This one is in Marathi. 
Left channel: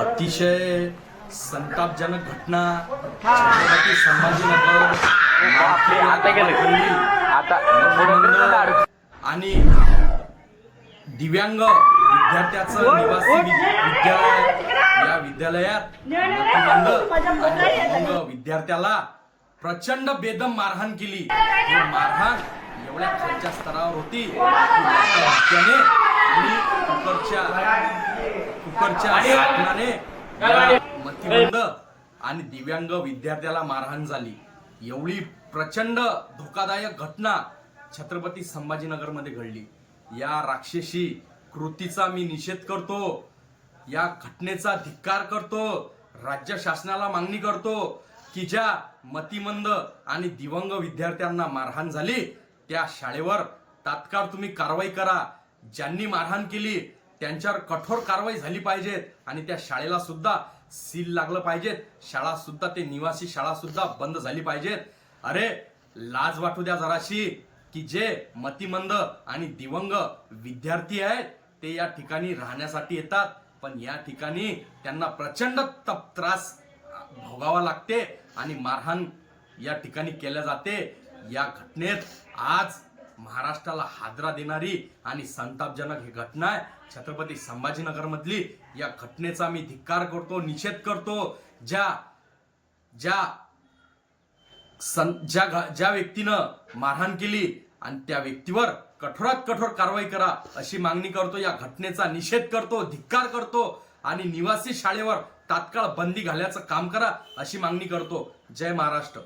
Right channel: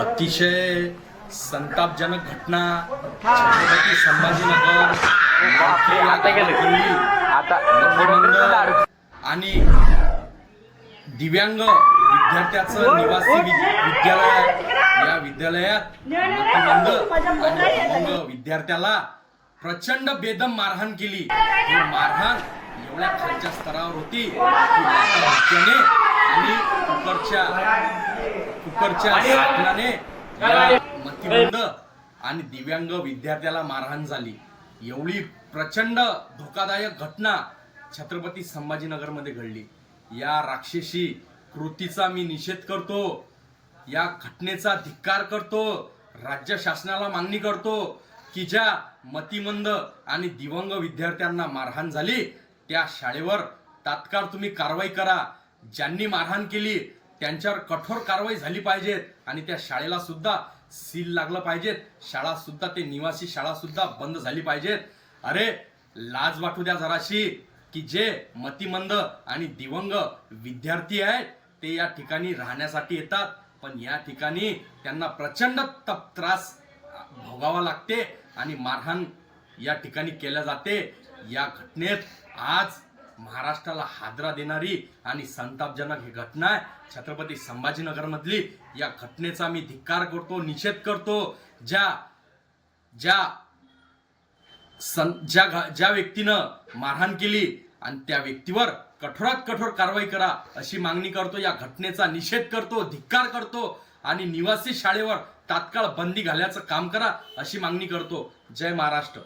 अतिशय संतापजनक घटना छत्रपती संभाजीनगर आणि दिव्यांग विद्यार्थ्याचं निवासी विद्यालय या विद्यालयात दिव्यांग विद्यार्थ्याला प्रचंड बेदम मारहाण केली. मारहाण एवढ्या खालच्या स्तरावर होती आणि कुकरच्या मतिमंद आणि दिव्यांग विद्यार्थ्याला मारहाण झाली. एवढी प्रचंड धोकादायक घटना छत्रपती संभाजीनगर मध्ये घडली. या राक्षसी कृतीचा मी निषेध करतो. या घटनेचा धिक्कार करतो. राज्य शासनाला मागणी करतो की ज्या मतिमंद आणि दिव्यांग विद्यार्थ्यांना मारहाण झाली त्या शाळेवर तात्काळ तुम्ही कारवाई करा. ज्यांनी मारहाण केली त्यांच्यावर कठोर कारवाई झाली पाहिजे आणि त्या शाळेला सुद्धा सील लागलं पाहिजे. शाळा सुद्धा ते निवासी शाळा सुद्धा बंद झाली पाहिजेत. अरे लाज वाटू द्या जराशी की जे मतिमंद आणि दिव्यांग विद्यार्थी आहेत ते या ठिकाणी राहण्यासाठी येतात, पण या ठिकाणी त्यांना प्रचंड त्रास भोगावा लागते आणि मारहाण या ठिकाणी केल्या जाते. या घटनेत आज महाराष्ट्राला हादरा देणारी आणि संतापजनक ही घटना आहे छत्रपती संभाजीनगर मधली. या घटनेचा मी धिक्कार करतो, निषेध करतो. ज्या व्यक्तीनं मारहाण केली आणि त्या व्यक्तीवर कठोरात कठोर कारवाई करा अशी मागणी करतो. या घटनेचा निषेध करतो, धिक्कार करतो आणि निवासी शाळेवर तात्काळ बंदी घालायचं काम करा अशी मागणी करतो. जय महाराष्ट्र.